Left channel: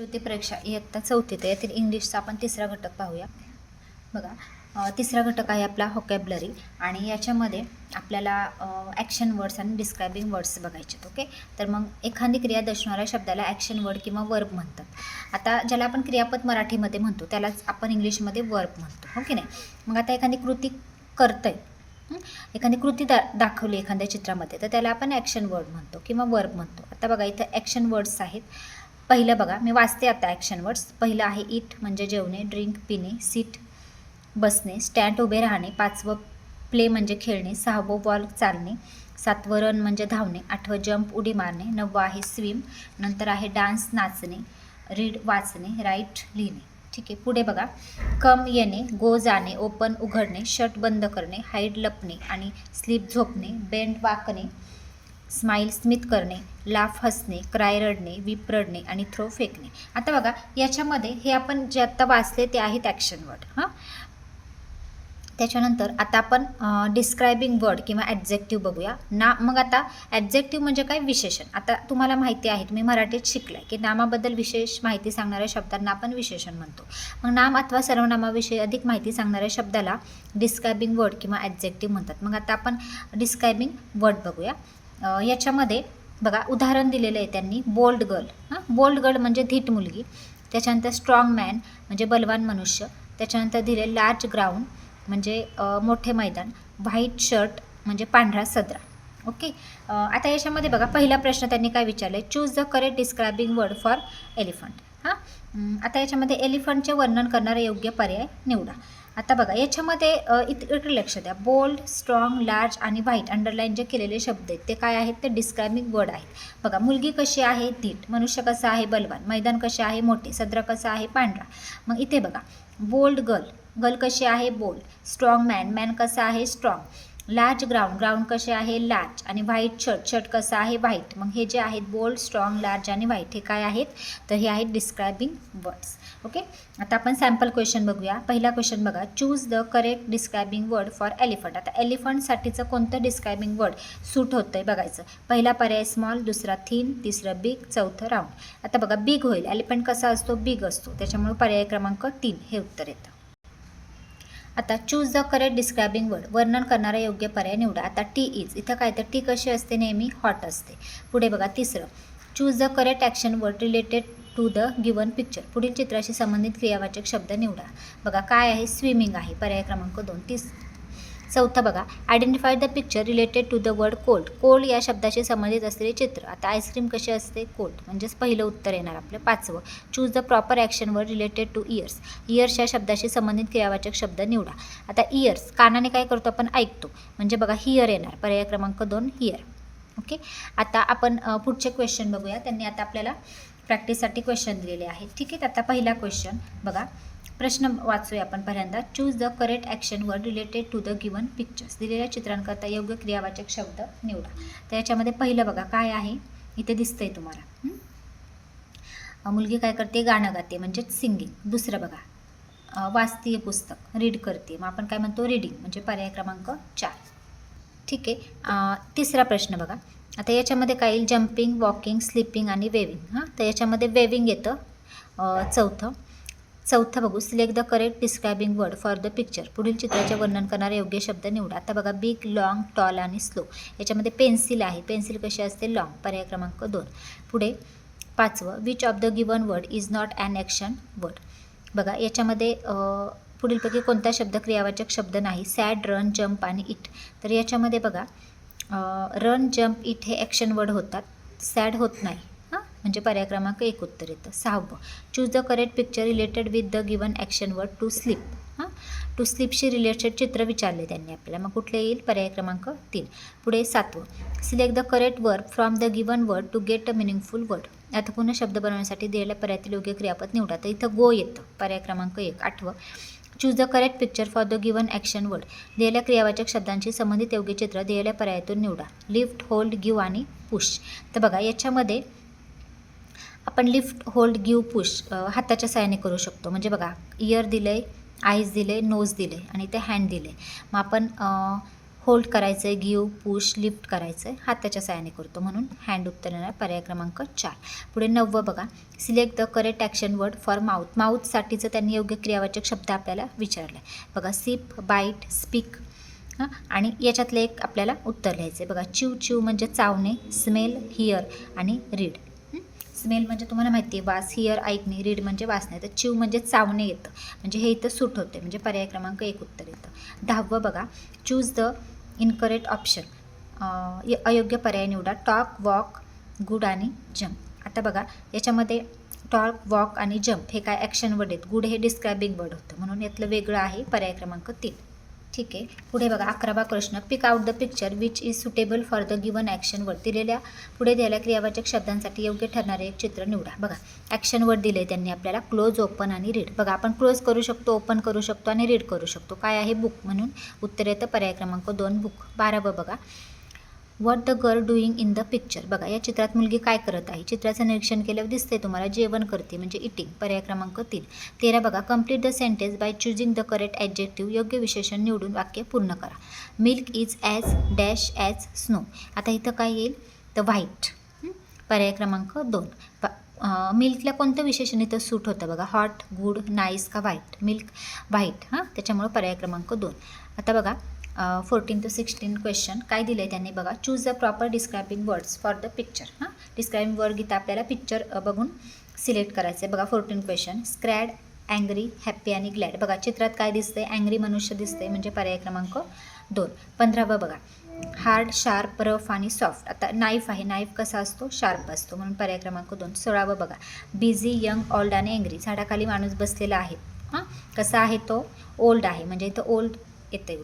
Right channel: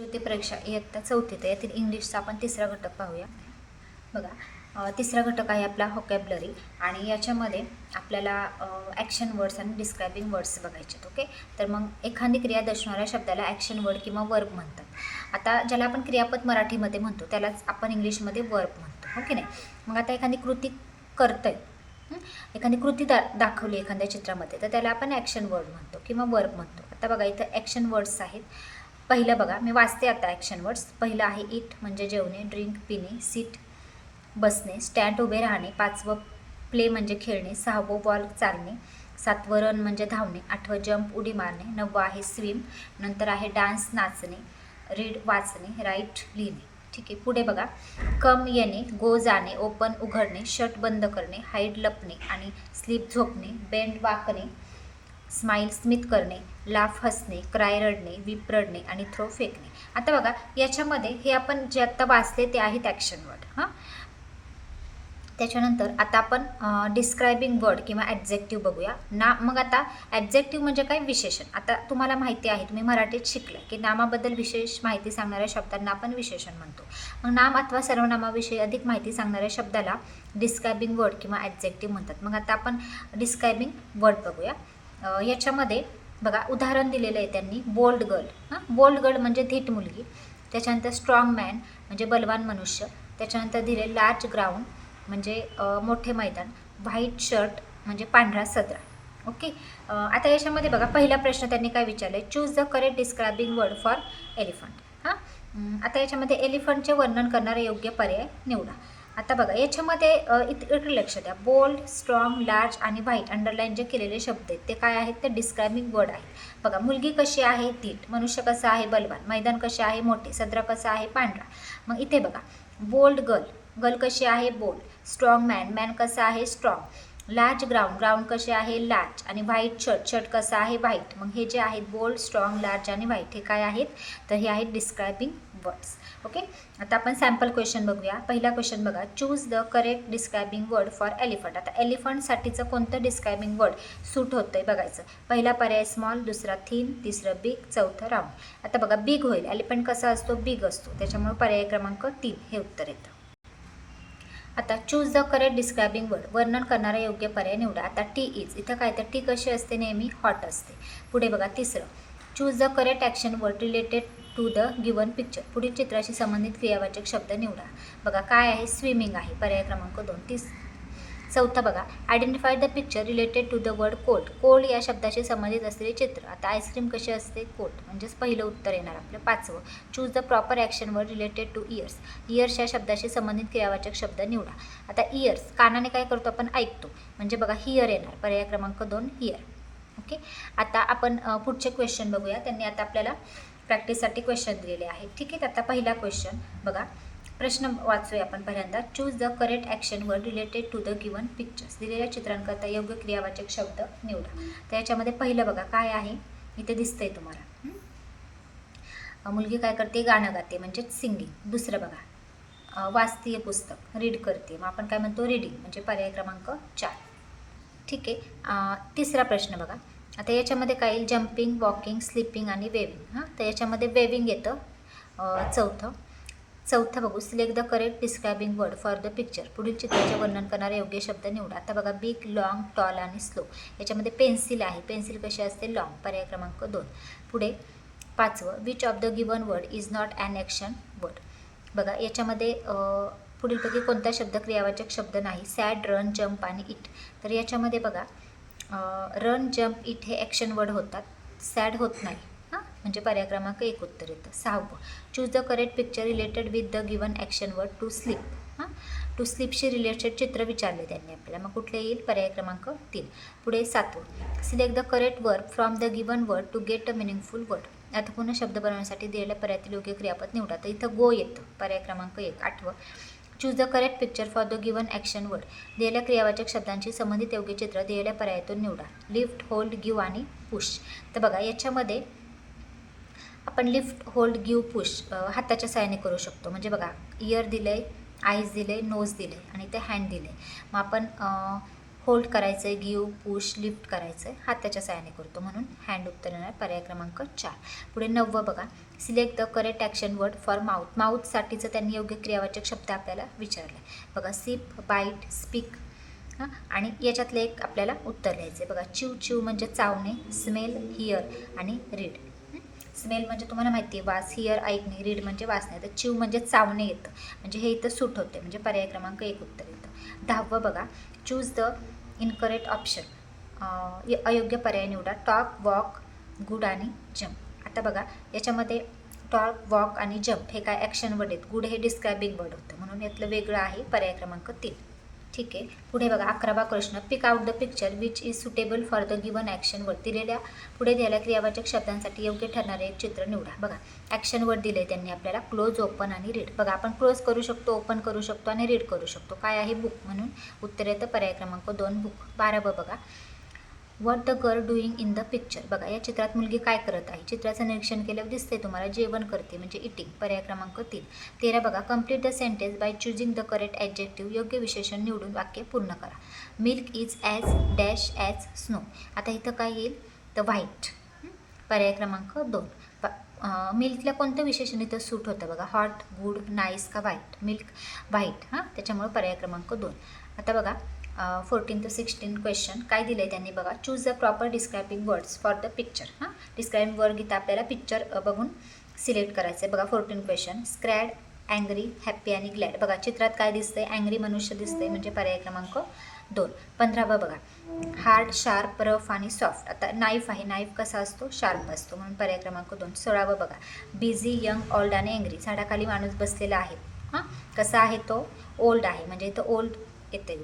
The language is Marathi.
कृती परीक्षा इयत्ता चौथीत यातील इंग्लिशचा आपण तिसरा घटक पाहूया. बघा, तिसरा घटक आहे आपला व्होकॅब्युलरी आणि याच्यामध्ये आपल्याला ॲक्शन वर्ड्स आणि डिस्क्रायबिंग वर्ड्स बघायचे आहेत. ओके, तर मग एखादी क्रिया दर्शवणाऱ्या शब्दाला ॲक्शन वर्ड किंवा वर्ब म्हणतात. आता ज्याला आपण क्रियापद मराठीमध्ये म्हणतो त्यालाच आपण इंग्लिशमध्ये वर्ब म्हणतो. ओके नाही, मग आता एखादी कृती करतंय, एखादी कृती दाखवली एखाद्या चित्रामध्ये तर त्याला आपण ॲक्शन वर्ड म्हणतो किंवा वर्ब म्हणतो. आता बघा इथं ॲक्शन वर्ड्स आहेत. पहिलं बघा, मी वाचते आता ॲक्शन वर्ड्स. पहिलं आहे ईट म्हणजे जेवणे, ड्रिंक पिणे, सीट बसणे, स्टँड उभे राहणे, पाचवं प्ले म्हणजे खेळणे, सहावं वॉल चालणे, सातवं रन म्हणजे धावणे, आठवं जंप उडी मारणे, नववं आहे स्विम, नंतर आहे डान्स नाचणे, रीड वाचणे, राईट लिहिणे. ठीक आहे, पुढे बघा, कम येणे, गो जाणे, ओपन उघडणे, शट बंद करणे, हाईड लपणे आणि स्लीप झोपणे, बेंड वाकणे, स्माईल स्मित करणे, लाफ हसणे, क्राय रडणे, वीप रडणे आणि थ्रो फेकणे. आता बघा याच्यामध्ये हे आपण जे आत्ता वाचले ते आहेत ॲक्शन वर्ड. त्याच्यानंतर आता आपण डिस्क्रायबिंग वर्ड किंवा ॲडजेक्टिव्ह बघूया ना. मग आता ॲडजेक्टिव्ह म्हणजे काय? विशेषण. आता तुम्हाला माहिती आहे, तुम्ही मराठीत शिकलाय की नामाबद्दल विशेष माहिती सांगणाऱ्या शब्दांना आपण विशेषण म्हणतो. मग नाम अथवा सर्वनामाविषयी अधिक माहिती सांगणाऱ्या शब्दाला डिस्क्रायबिंग वर्ड किंवा ॲडजेक्टिव्ह म्हणतात. मग आता आपण डिस्क्रायबिंग वर्ड बघूया. याच्यामध्ये बघा उदाहरण दिलेलं आहे त्यांनी, बोल्ड गर्ल. बोल्ड गर्ल म्हणजे धीट मुलगी. त्याच्यानंतर स्ट्रॉंग मॅन म्हणजे बलवान मनुष्य. त्याच्यानंतर दिले लार्ज ग्राउंड म्हणजे मोठे मैदान. व्हाईट शर्ट म्हणजे पांढरा सदरा. ओके, आता याच्यामध्ये बघा पहिला प्रश्न त्यांनी काय विचारलं आहे, choose the correct describing word for elephant. आता याच्यामध्ये एलिफंटचे वर्णन करणारा योग्य पर्याय निवडा. आता बघा याच्यामध्ये इकडे लक्ष द्या, बोल्ड, स्ट्रॉंग, लार्ज आणि व्हाईट अंडरलाईन जे केलेले शब्द आहेत ते काय आहेत? ते डिस्क्रायबिंग वर्ड आहेत. बघा, मुलगी कशी आहे? धीट. मनुष्य कसा आहे? बलवान. मैदान कसे आहे? मोठे. सदरा कसा आहे? पांढरा. मग इथे बघा, बोल्ड गर्ल, गर्ल कशी आहे? बोल्ड. स्ट्रॉंग मॅन, मॅन कसा आहे? स्ट्रॉंग. लार्ज ग्राउंड, ग्राउंड कसे आहे? लार्ज. आणि व्हाईट शर्ट, शर्ट कसा आहे? व्हाईट. मग हे जे आहेत बोल्ड, स्ट्रॉंग, लार्ज आणि व्हाईट हे काय आहेत? तर हे आहेत डिस्क्रायबिंग वर्ड्स. ओके, आता आपण सॅम्पल क्वेश्चन बघूया. पहिला क्वेश्चन बघा, choose the correct describing word for elephant. आता एलिफंटसाठीचं कोणतं डिस्क्रायबिंग वर्ड सूट होतं आहे बघायचं. पहिला पर्याय स्मॉल, दुसरा थिन, तिसरं बिग, चौथं राऊंड. आता बघा बिग होईल, एलिफंट कसा असतो? बिग असतो, त्याच्यामुळे पर्याय क्रमांक 3 हे उत्तर येतं. आता choose the correct describing word, वर्णन करणारा योग्य पर्याय निवडा. आता टी इज, इथं काय तर टी कशी असते? नेहमी हॉट असते. पुढे बघा तिसरं, choose the correct action word related to the given picture. पुढील चित्राशी संबंधित क्रियावाचक शब्द निवडा. बघा काय आहे? स्विमिंग आहे, पर्याय क्रमांक 2. चौथा बघा, identify the picture related to the word cold. Cold या शब्दाशी संबंधित असलेले चित्र. आता आईस्क्रीम कशी असते? कोल्ड, म्हणजेच पहिलं उत्तर येणार आपलं. 5वं, choose the proper action word related to years. Years या शब्दाशी संबंधित क्रियावाचक शब्द निवडा. आता इयर्स कानाने काय करतो आपण? ऐकतो, म्हणजे बघा हिअर येणार, पर्याय क्रमांक 2 हिअर. ओके, आता आपण पुढचे क्वेश्चन बघूया. त्यांनी आता आपल्याला प्रॅक्टिससाठी क्वेश्चन दिलेले आहेत. ठीक आहे, आता पहिला क्वेश्चन बघा, प्रश्न वाचूया आपण पहिल्यांदा. Choose the correct action word related to the given pictures. दिलेल्या चित्रांकरता योग्य क्रियावाचक शब्द निवडा. तर याच्यामध्ये पहिलं बघा काय आहे? इथे दिसतंय तुम्हाला, मुलगी काय करते? गाणं गाते, म्हणजेच सिंगिंग. दुसरं बघा, वाचतीय पुस्तक, रीड करते, मग आपण काय म्हणतो? रीडिंग, म्हणजे पर्याय क्रमांक 4. ठीक आहे, तिसरा प्रश्न बघा. आता याच्यामध्ये काय येईल? जम्पिंग, वॉकिंग, स्लिपिंग आणि वेविंग. तर याच्यामध्ये वेविंग येतं. चौथं बघू, select the correct describing word for the picture. पुढील चित्राचे वर्णन करणारे योग्य शब्द निवडा. आता बघा बिग, लॉंग, टॉल आणि स्लो. याच्यामध्ये पेन्सिल आहे, पेन्सिल कशी असते? लॉंग, पर्याय क्रमांक 2. पुढे 5वं, which of the given word is not an action word. बघा याच्यामध्ये पुढीलपैकी कोणता शब्द क्रियावाचक शब्द नाही? सॅड, रन, जम्प आणि इट. तर याच्यामध्ये बघा रन, जम्प, इट हे ॲक्शन वर्ड होतात, सॅड होत नाही, म्हणजे पर्याय क्रमांक 1 उत्तर येतं. 6वं, choose the correct picture related with the given action word to sleep. To स्लीपशी रिलेटेड चित्र विचारले त्यांनी आपल्याला, मग कुठले येईल? पर्याय क्रमांक 3. पुढे 7वं, select the correct verb from the given word to get a meaningful word. अर्थपूर्ण शब्द बनवण्यासाठी दिलेल्या पर्यायातील योग्य क्रियापद निवडा. तर इथं गो येतं, पर्याय क्रमांक 1. 8वं, choose the correct picture for the given action word. दिलेल्या क्रियावाचक शब्दांशी संबंधित योग्य चित्र दिलेल्या पर्यायातून निवडा. लिफ्ट, होल्ड, गिव्ह आणि पुश. तर बघा याच्यामध्ये आपण लिफ्ट, होल्ड, गिव्ह, पुश हाताच्या साहाय्याने करू शकतो. म्हणजे बघा इयर दिलं आहे, आईज दिले, नोज दिले आणि ते हँड दिले. मग आपण होल्ड करायचं आहे, गिव, पुश, लिफ्ट करायचं आहे, हाताच्या साहाय्याने करतो म्हणून हँड उत्तर येणार पर्याय क्रमांक 4. पुढे 9 बघा, select the correct action word for mouth. माउथसाठीचं त्यांनी योग्य क्रियावाचक शब्द आपल्याला विचारला आहे बघा. सिप, बाईट, स्पीक हां, आणि याच्यातलं एक आपल्याला उत्तर लिहायचं आहे बघा. चिव चिव म्हणजे चावणे, स्मेल, हिअर आणि रीड. स्मेल म्हणजे तुम्हाला माहिती आहे वास, हिअर ऐकणे, रीड म्हणजे वाचणे. तर चिव म्हणजे चावणे येतं, म्हणजे हे इथं सूट होते, म्हणजे पर्याय क्रमांक 1 उत्तर येतं. 10 बघा, चूज द इनकरेक्ट ऑप्शन. अयोग्य पर्याय निवडा. टॉक, वॉक, गुड आणि जम्प. आता बघा याच्यामध्ये टॉक, वॉक आणि जम्प हे काय ॲक्शन वर्ड आहेत. गुड हे डिस्क्रायबिंग वर्ड होतं, म्हणून यातलं वेगळं आहे पर्याय क्रमांक 3. ठीक आहे. पुढे बघा 11वा प्रश्न. Pick out the picture which is suitable for the given action word. पुढे दिलेल्या क्रियावाचक शब्दांसाठी योग्य ठरणारे एक चित्र निवडा. बघा ॲक्शन वर्ड दिले त्यांनी आपल्याला क्लोज, ओपन आणि रीड. बघा आपण क्लोज करू शकतो, ओपन करू शकतो आणि रीड करू शकतो. काय आहे बुक, म्हणून उत्तर येतं पर्याय क्रमांक 2 बुक. 12 बघा, what the girl doing in the picture. बघा या चित्रात मुलगी काय करत आहे. चित्राचं निरीक्षण केल्यावर दिसते तुम्हाला जेवण करते, म्हणजे इटिंग, पर्याय क्रमांक 3. 13 बघा, complete the sentence by choosing the correct adjective. योग्य विशेषण निवडून वाक्य पूर्ण करा. Milk is as dash as snow. आता इथं काय येईल तर व्हाईट, पर्याय क्रमांक 2. मिल्कला कोणतं विशेषण इथं सूट होतं बघा. हॉट, गुड, नाईस का व्हाईट. मिल्क व्हाईट हां, त्याच्यामुळे पर्याय क्रमांक 2. आता बघा 14 to 16 क्वेश्चन काय दिलं आहे त्यांनी बघा. Choose the proper describing words for the picture. हां, डिस्क्रायबिंग वर्ड इथं आपल्याला पिक्चर बघून सिलेक्ट करायचं आहे बघा. 14 क्वेश्चन. स्क्रॅड, अँग्री, हॅप्पी आणि ग्लॅड. बघा चित्रात काय दिसतंय, अँग्री मनुष्य दिसतंय, म्हणजे पर्याय क्रमांक 2. 15 बघा, हार्ड, शार्प, रफ आणि सॉफ्ट. आता नाईफ आहे, नाईफ कसा असतो, शार्प असतो, म्हणून पर्याय क्रमांक 2. 16 बघा, बिझी, यंग, ओल्ड आणि अँग्री. झाडाखाली माणूस बसलेला आहे. हां, कसा आहे तो, ओल्ड आहे, म्हणजे इथं ओल्ड येते